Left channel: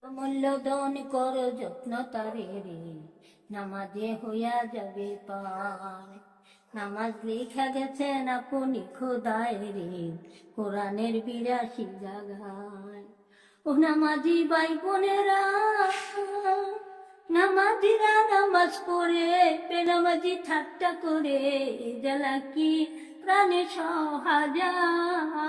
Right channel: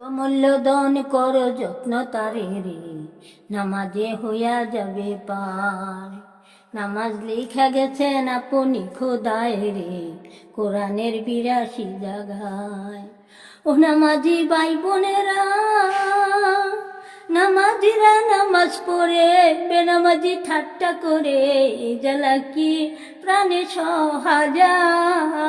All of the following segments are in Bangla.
অমূল্য কর যত্ন তারে রে নামাজে হইয়া যাবে পার। নামাজ লেখা গেছেন আপনি খোদায় রে, কোরআনের বিরাশি জাগায় ও নামাজি ভাই বোনেরা, নামাজিরা নামাজ পড়ে, বেনামাজি ঠাট্টা করে জ্বালা কি প্রাণে সহাজায়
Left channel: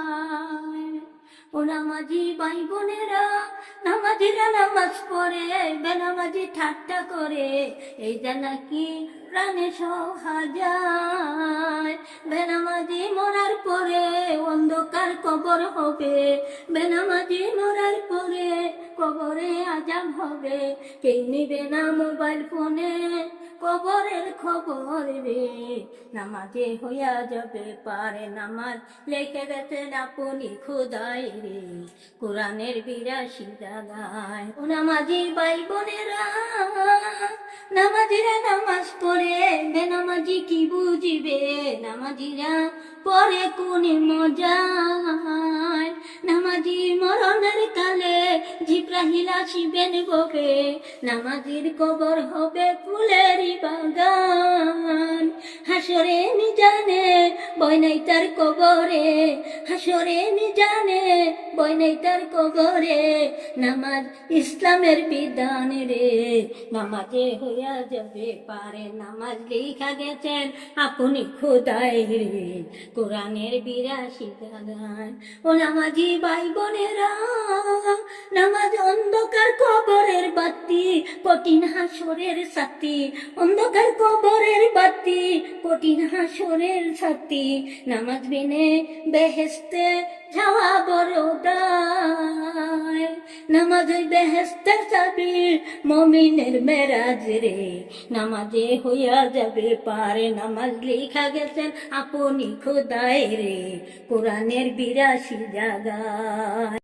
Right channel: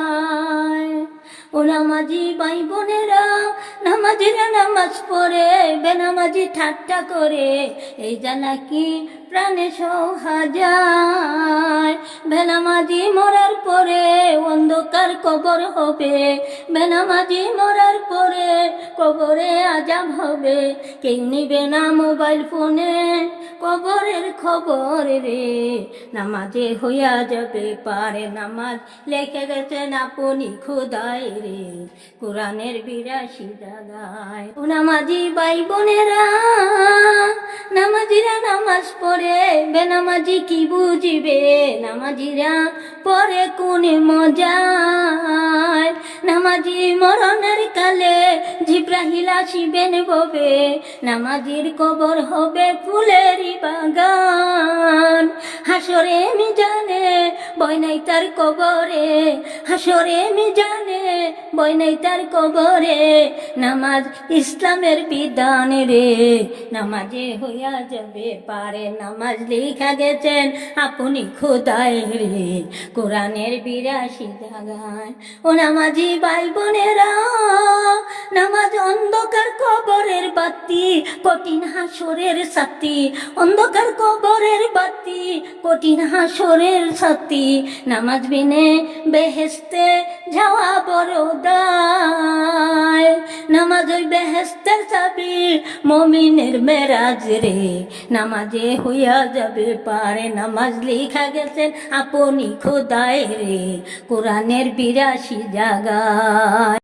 ও নামাজি ভাই বোনেরা, নামাজিরা নামাজ পড়ে, বেনামাজি ঠাট্টা করে। এই জ্বালা কি প্রাণে সহাজায় বেনামাজি মরার পরে অন্ধকার কবর হবে। বেনামাজি মরার পরে কবরে আজাব হবে। কেউ নিবে না মোবাইল ফোনে কবরের খবর রে। নামাজে হইয়া যাবে, পারে নামাজ লেখে গেছেন আপনি খোদায় রে। কোরআনের বিরাশি জাগায় ও নামাজি ভাই বোনেরা নামাজিরা নামাজ পড়ে, বেনামাজি কি বুঝিবে? নামাজিরা পরে কোন মজায়? নামাজি মরণের কালে জিব্রাহিল আসিবেন ববে নামাজির কবর হবে ফুলেরই বাগান। হাসরে মি জানে বৈনাই তার কবরে। হাসরে মি জানে বৈনাই তার কবরে। নামাজ ইসলামের বিধান রে। নামাজে হইয়া যাবে পারে। নামাজ লেখা গেছেন আপনি খোদায় রে। কোরআনের বিরাশি জাগায় ও নামাজি ভাই বোনেরা নামাজ অন্ধকার কবরের বাতি, কঠিন হাসরের সাথী। অন্ধকার কবরের বাতি, কঠিন হাসরের সাথী। নামাজ বিনে বেহেস্তে যাওয়া বড় নামাজ ওই বেহেস্তের চাবি, মমিনের মেরাজ রে। নামাজে হইয়া যাবে পারে, নামাজ লিখা গেছেন আপনি খোদায় রে। কোরআনের বিরাশি জায়গায়।